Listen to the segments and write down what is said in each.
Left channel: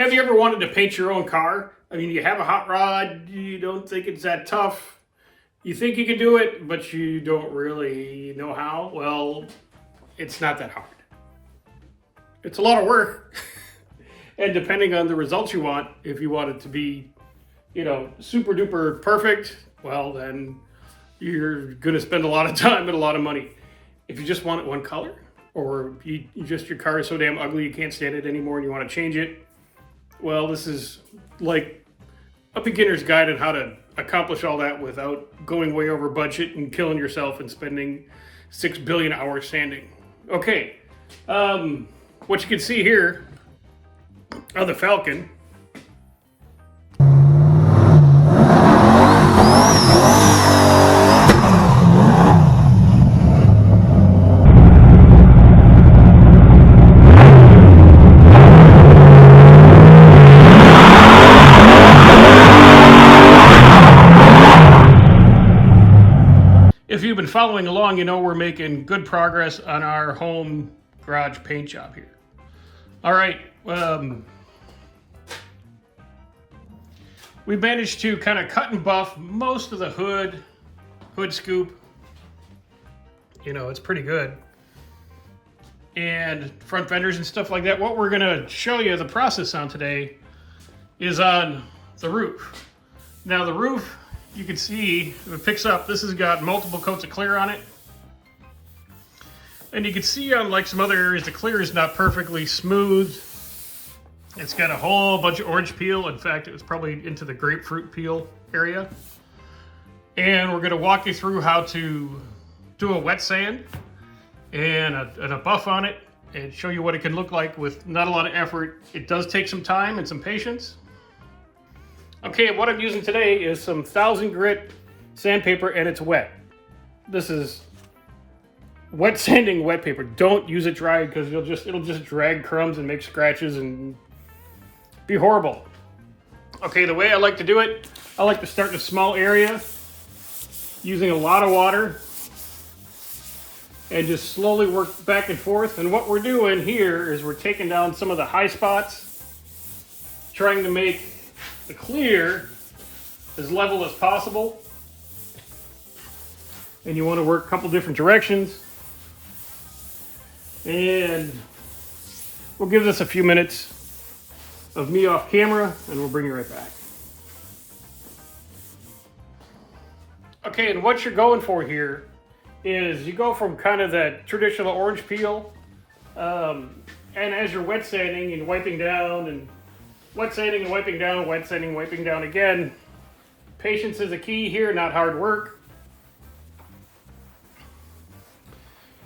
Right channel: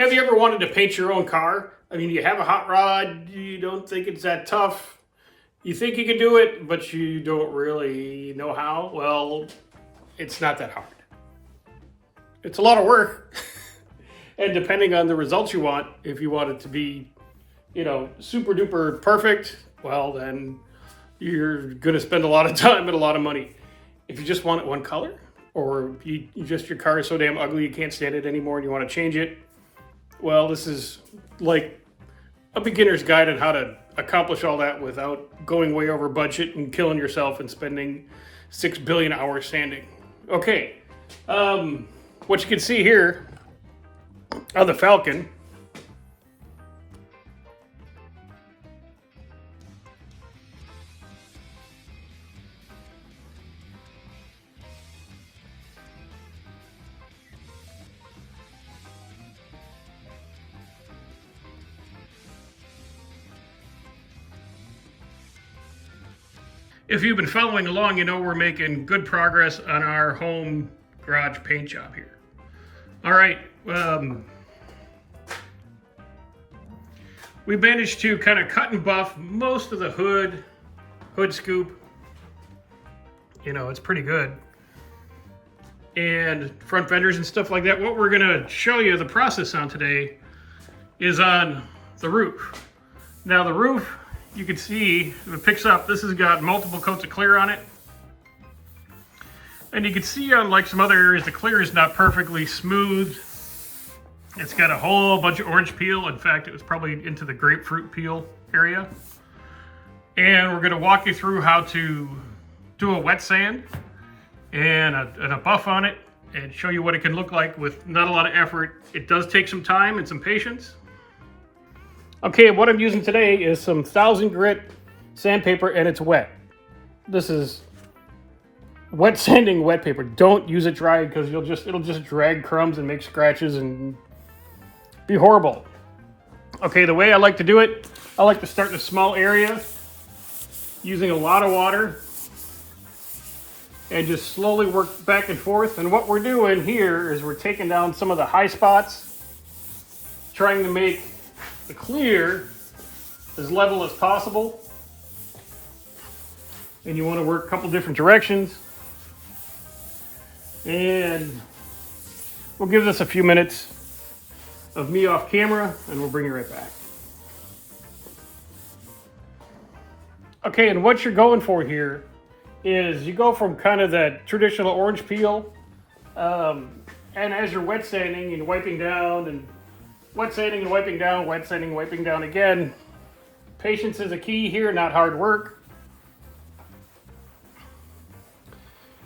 Have you ever wanted to paint your own car? I mean, you have a hot rod, you don't think it's that tough. You think you can do it, but you don't really know how. Well, it's not that hard. It's a lot of work. And depending on the results you want, if you want it to be, super duper perfect, well, then you're going to spend a lot of time and a lot of money. If you just want it one color, or your car is so damn ugly you can't stand it anymore and you want to change it, well, this is like a beginner's guide on how to accomplish all that without going way over budget and killing yourself and spending 6 billion hours sanding. Okay, what you can see here on the Falcon, if you've been following along, you know we're making good progress on our home garage paint job here. All right, we managed to kind of cut and buff most of the hood scoop. It's pretty good. And front fenders and stuff like that. What we're gonna show you the process on today is on the roof. Now the roof, you can see, if it picks up, this has got multiple coats of clear on it. And you can see on like some other areas, the clear is not perfectly smooth. It's got a whole bunch of orange peel. In fact, it was probably into the grapefruit peel area. And we're gonna walk you through how to do a wet sand and a buff on it and show you what it can look like with not a lot of effort. It does take some time and some patience. Okay, what I'm using today is some 1000 grit sandpaper and it's wet. This is wet sanding wet paper. Don't use it dry because it'll just drag crumbs and make scratches and be horrible. Okay, the way I like to do it, I like to start in a small area using a lot of water and just slowly work back and forth. And what we're doing here is we're taking down some of the high spots, trying to make the clear as level as possible. And you want to work a couple different directions. And we'll give this a few minutes of me off camera and we'll bring you right back. Okay, and what you're going for here is you go from kind of that traditional orange peel, and as you're wet sanding and wiping down and wet sanding and wiping down, wet sanding, wiping down again. Patience is a key here, not hard work.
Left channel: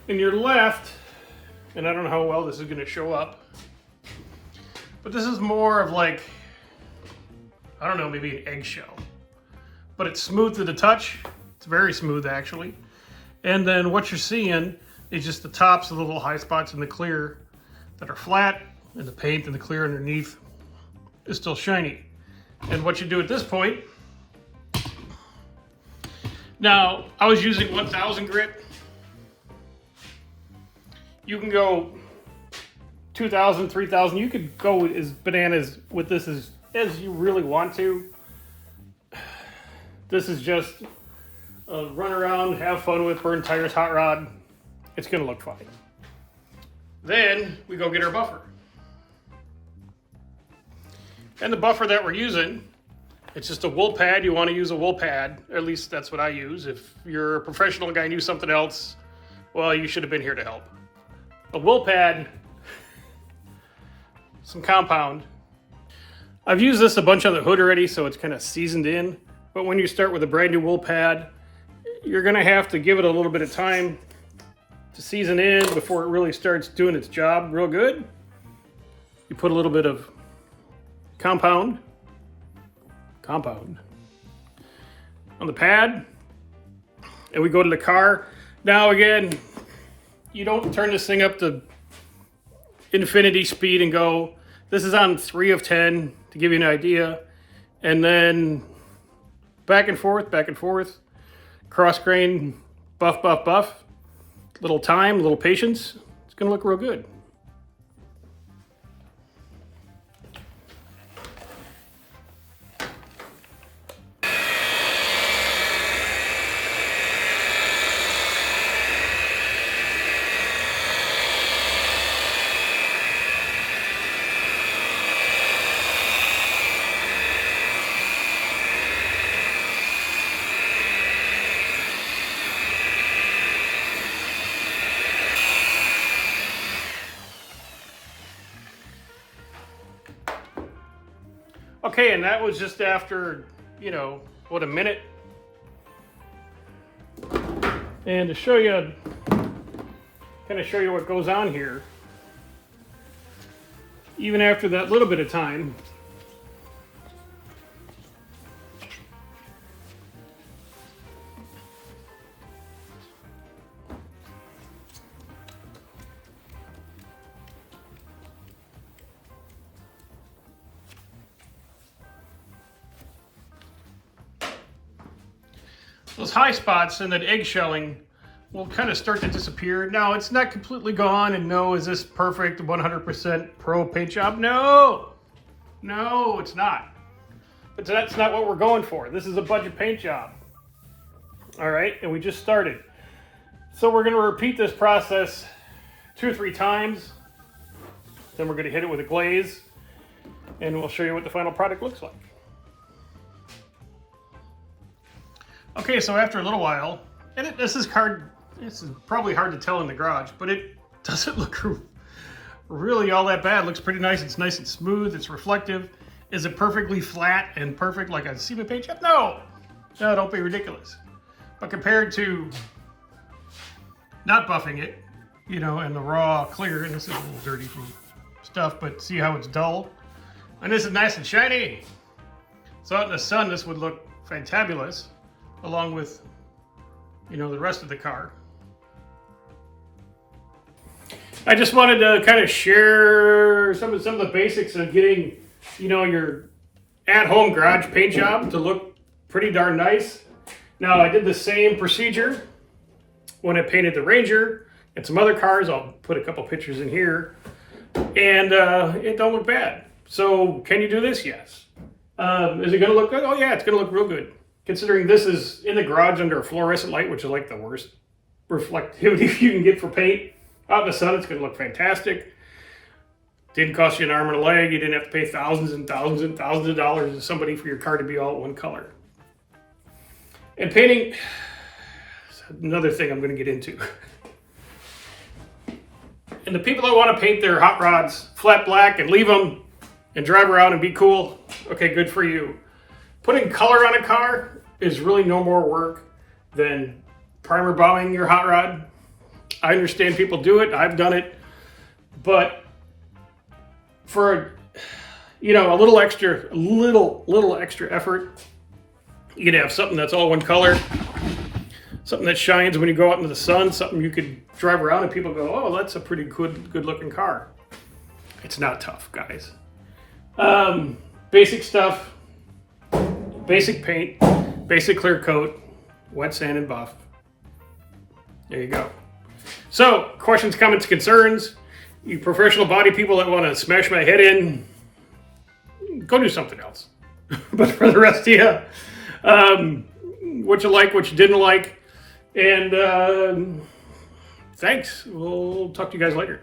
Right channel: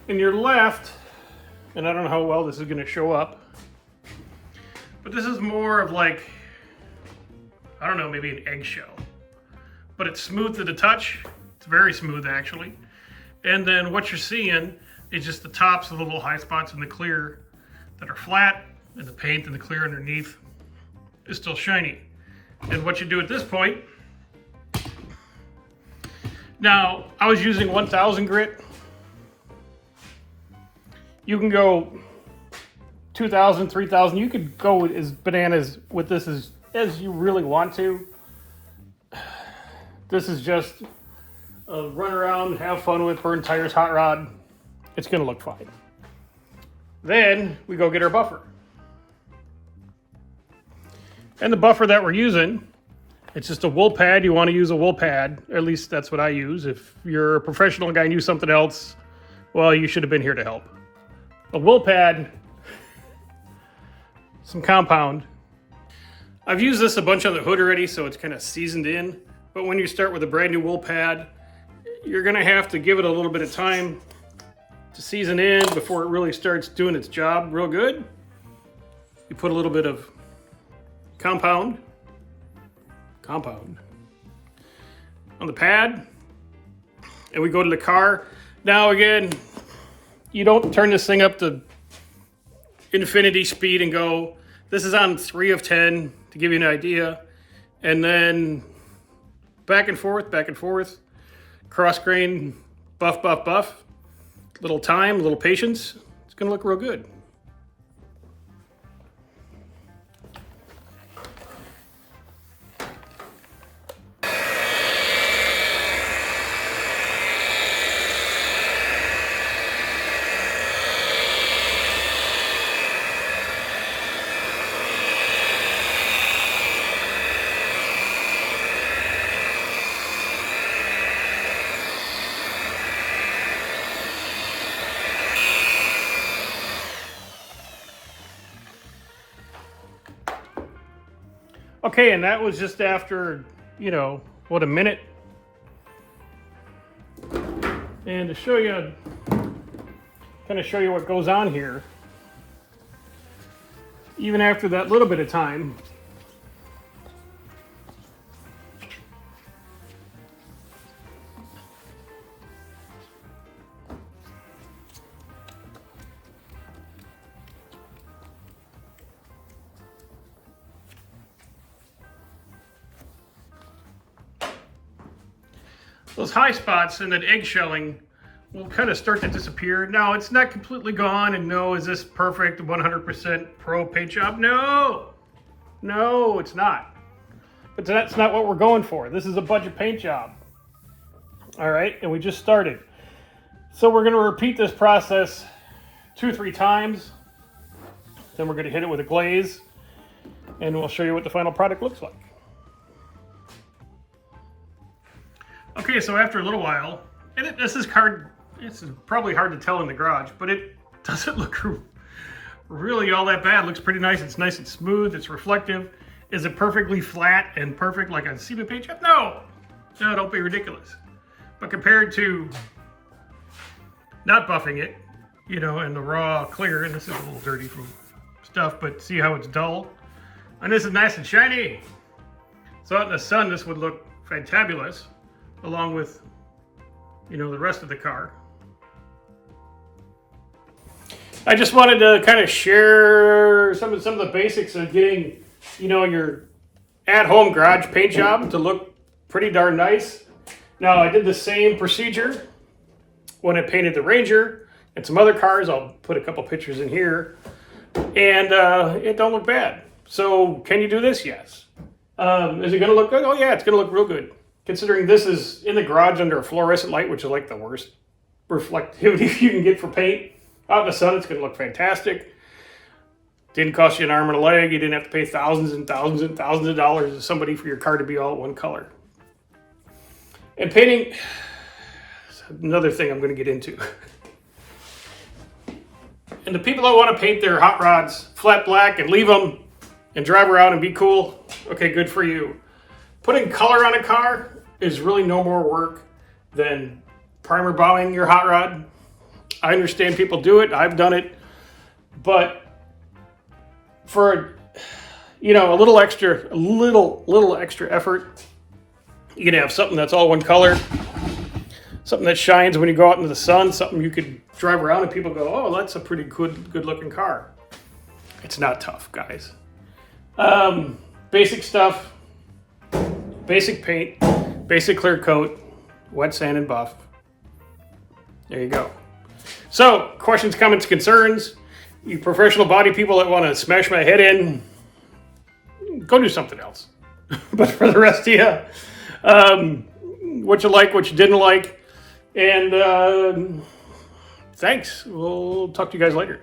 And you're left, and I don't know how well this is going to show up, but this is more of like, I don't know, maybe an eggshell. But it's smooth to the touch. It's very smooth actually. And then what you're seeing is just the tops of the little high spots in the clear that are flat, and the paint and the clear underneath is still shiny. And what you do at this point, now I was using 1000 grit. You can go 2000, 3000. You could go as bananas with this as you really want to. This is just a run around, have fun with, burn tires, hot rod. It's gonna look fine. Then we go get our buffer. And the buffer that we're using, it's just a wool pad. You want to use a wool pad. At least that's what I use. If you're a professional guy and use something else, well, you should have been here to help. A wool pad, some compound. I've used this a bunch on the hood already, so it's kind of seasoned in. But when you start with a brand new wool pad, you're going to have to give it a little bit of time to season in before it really starts doing its job real good. You put a little bit of compound on the pad, and we go to the car. Now again, you don't turn this thing up to infinity speed and go. This is on 3 of 10 to give you an idea, and then back and forth, cross grain, buff, little time, little patience. It's gonna look real good. Okay, and that was just after, you know, what, a minute? And to show you, kind of show you what goes on here, even after that little bit of time, those high spots and that eggshelling will kind of start to disappear. Now, it's not completely gone, and no, is this perfect 100% pro paint job? No, no, it's not. But that's not what we're going for. This is a budget paint job. All right, and we just started. So we're gonna repeat this process 2 or 3 times. Then we're gonna hit it with a glaze, and we'll show you what the final product looks like. Okay, so after a little while, and this is probably hard to tell in the garage, but it doesn't look really all that bad. It looks pretty nice. It's nice and smooth. It's reflective. Is it perfectly flat and perfect like a cement paint job? No, no, don't be ridiculous. But compared to not buffing it, you know, and the raw clear, and this is a little dirty from stuff, but see how it's dull? And this is nice and shiny. So out in the sun, this would look fantabulous, along with, you know, the rest of the car. I just wanted to kind of share some of the basics of getting, you know, your at-home garage paint job to look pretty darn nice. Now, I did the same procedure when I painted the Ranger and some other cars. I'll put a couple pictures in here, and it don't look bad. So, can you do this? Yes. Is it going to look good? Oh yeah, it's going to look real good. Considering this is in the garage under a fluorescent light, which is like the worst reflectivity you can get for paint. Out in the sun, it's going to look fantastic. Didn't cost you an arm and a leg. You didn't have to pay thousands and thousands and thousands of dollars to somebody for your car to be all one color. And painting is another thing I'm going to get into. And the people that want to paint their hot rods flat black and leave them and drive around and be cool, okay, good for you. Putting color on a car is really no more work than primer bombing your hot rod. I understand people do it. I've done it. But for, you know, a little extra effort, you can have something that's all one color, something that shines when you go out into the sun, something you could drive around and people go, oh, that's a pretty good looking car. It's not tough, guys. Basic stuff. Basic paint, basic clear coat, wet sand and buff. There you go. So, questions, comments, concerns. You professional body people that want to smash my head in, go do something else. But for the rest of you, what you like, what you didn't like, and thanks. We'll talk to you guys later.